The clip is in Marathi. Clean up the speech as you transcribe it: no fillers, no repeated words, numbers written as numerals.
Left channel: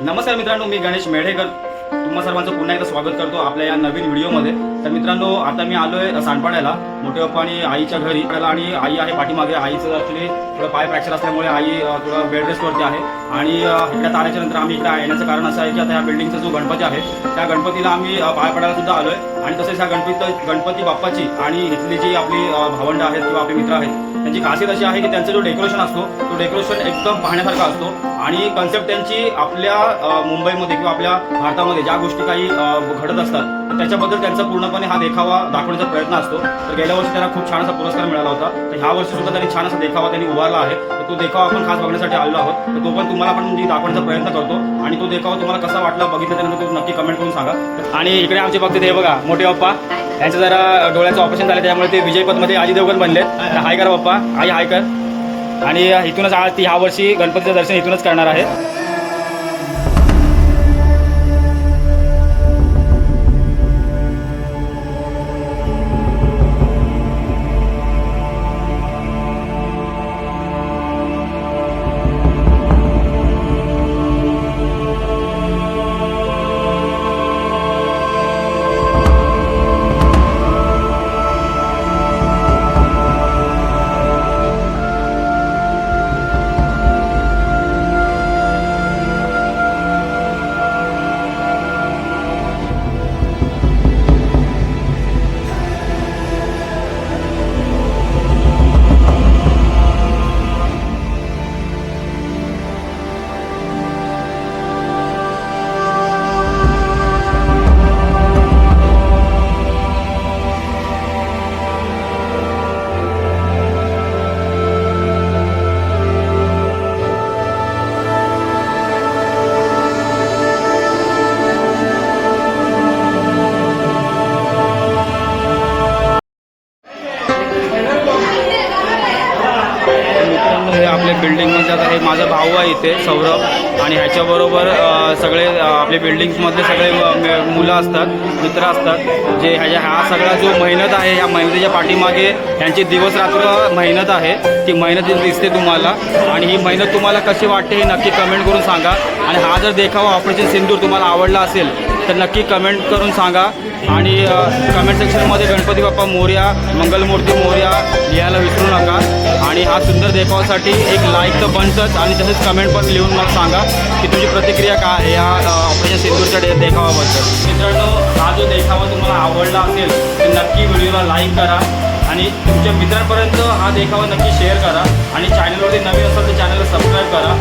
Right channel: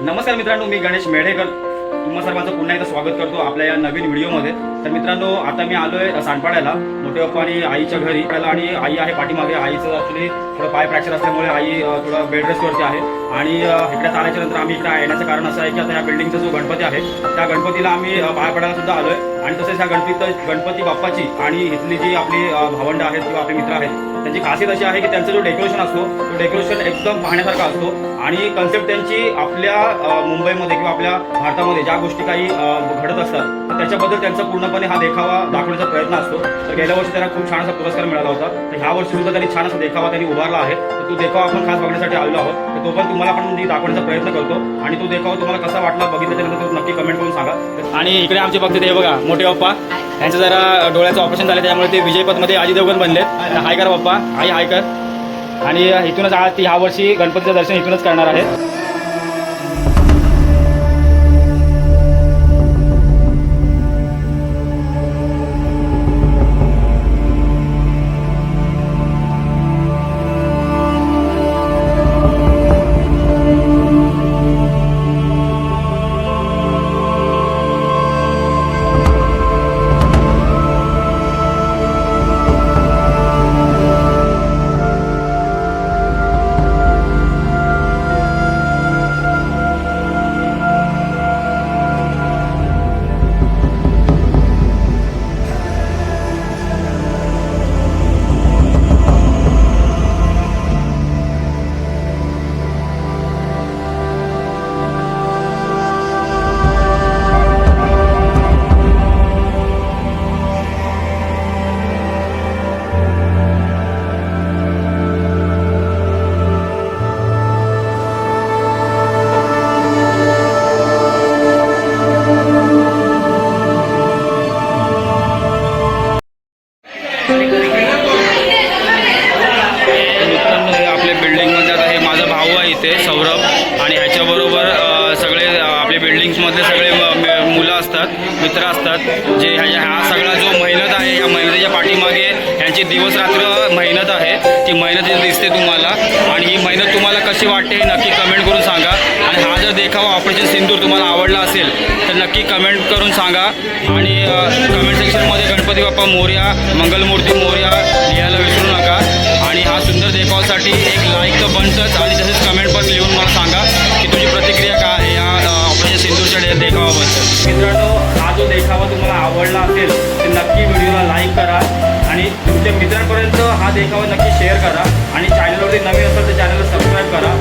नमस्कार मित्रांनो, मी गणेश मेढेकर तुम्हा सर्वांचं पुन्हा एकदा स्वागत करतो आपल्या या नवीन व्हिडिओमध्ये। तर मित्रांनो, आता मी आलोय सांडपाड्याला मोठे पप्पा आणि आईच्या घरी आणि आई आहे पाठीमागे। आईचं ॲक्च्युली थोडं पाय फ्रॅक्चर असल्यामुळे आई थोडं बेड रेस्टवरती आहे आणि इकडे आल्याच्या नंतर आम्ही इकडे येण्याचं कारण असं आहे की आता ह्या बिल्डिंगचा जो गणपती आहे त्या गणपतीला आम्ही पाय पडायला सुद्धा आलोय आणि तसेच ह्या गणपती बाप्पाची आणि इथली जी आपली भावंड आहेत किंवा आपले मित्र आहेत त्यांची खासियत अशी आहे की त्यांचा जो डेकोरेशन असतो तो डेकोरेशन एकदम पाहण्यासारखा असतो आणि कन्सेप्ट त्यांची आपल्या मुंबईमध्ये किंवा आपल्या भारतामध्ये ज्या गोष्टी काही घडत असतात तर त्याच्याबद्दल त्यांचा पूर्णपणे हा देखावा दाखवण्याचा प्रयत्न असतो। तर गेल्या वर्षी त्यांना खूप छान असा पुरस्कार मिळाला होता, तर ह्या वर्षी सुद्धा त्यांनी छान असा देखावा त्यांनी उभारला आहे। तर तो देखावा आपण खास बघण्यासाठी आलेलो आहोत, तर तो पण तुम्हाला पण मी दाखवण्याचा प्रयत्न करतो आणि तो देखावा तुम्हाला कसा वाटला बघितलं त्यानंतर तो नक्की कमेंट करून सांगा। आणि इकडे आमचे बघते ते बघा मोठे बाप्पा, त्यांचं जरा डोळ्याचं ऑपरेशन झालं त्यामुळे ते विजयपथमध्ये अजय देवगण बनलेत। तर हाय कर बाप्पा, आई हाय कर। आणि इथूनच ती ह्या वर्षी गणपतीचं दर्शन इथूनच करणार आहे। आपल्या बिल्डिंगमध्ये आता हे माझा भाऊ आहे इथे सौरभ आणि ह्याच्याबरोबर सगळे आपले बिल्डिंग्समधले सगळे मुलं असतात, मित्र असतात जे हा सगळा जो मेहनत आहे ह्या मेहनतीच्या पाठीमागे ह्यांची दिवस रात्र मेहनत आहे, ती मेहनत दिसते तुम्हाला आणि ही मेहनत तुम्हाला कशी वाटते हे नक्की कमेंट करून सांगा। आणि हा जर देखावा ऑपरेशन सिंदूर तुम्हाला आवडला असेल तर नक्की कमेंट करून सांगा आणि कमेंट सेक्शनमध्ये गणपती बाप्पा मोरया, मंगलमूर्ती मोरया लिहायला विसरू नका। आणि हा सुंदर देखावासाठी एक लाईक तर बनतंच आणि तसेच कमेंट पण लिहून मला सांगा की तुझी प्रतिक्रिया काय आहे या ऑपरेशन सिंदूरच्या देखावाबद्दल। मित्रांनो, हा जो देखावा तुम्हाला आवडला असेल तर नक्की व्हिडिओला लाईक करा आणि तुमच्या मित्रांपर्यंत हा देखावा नक्की शेअर करा आणि चॅनलवरती नवीन असेल तर चॅनलला सबस्क्राईब करा।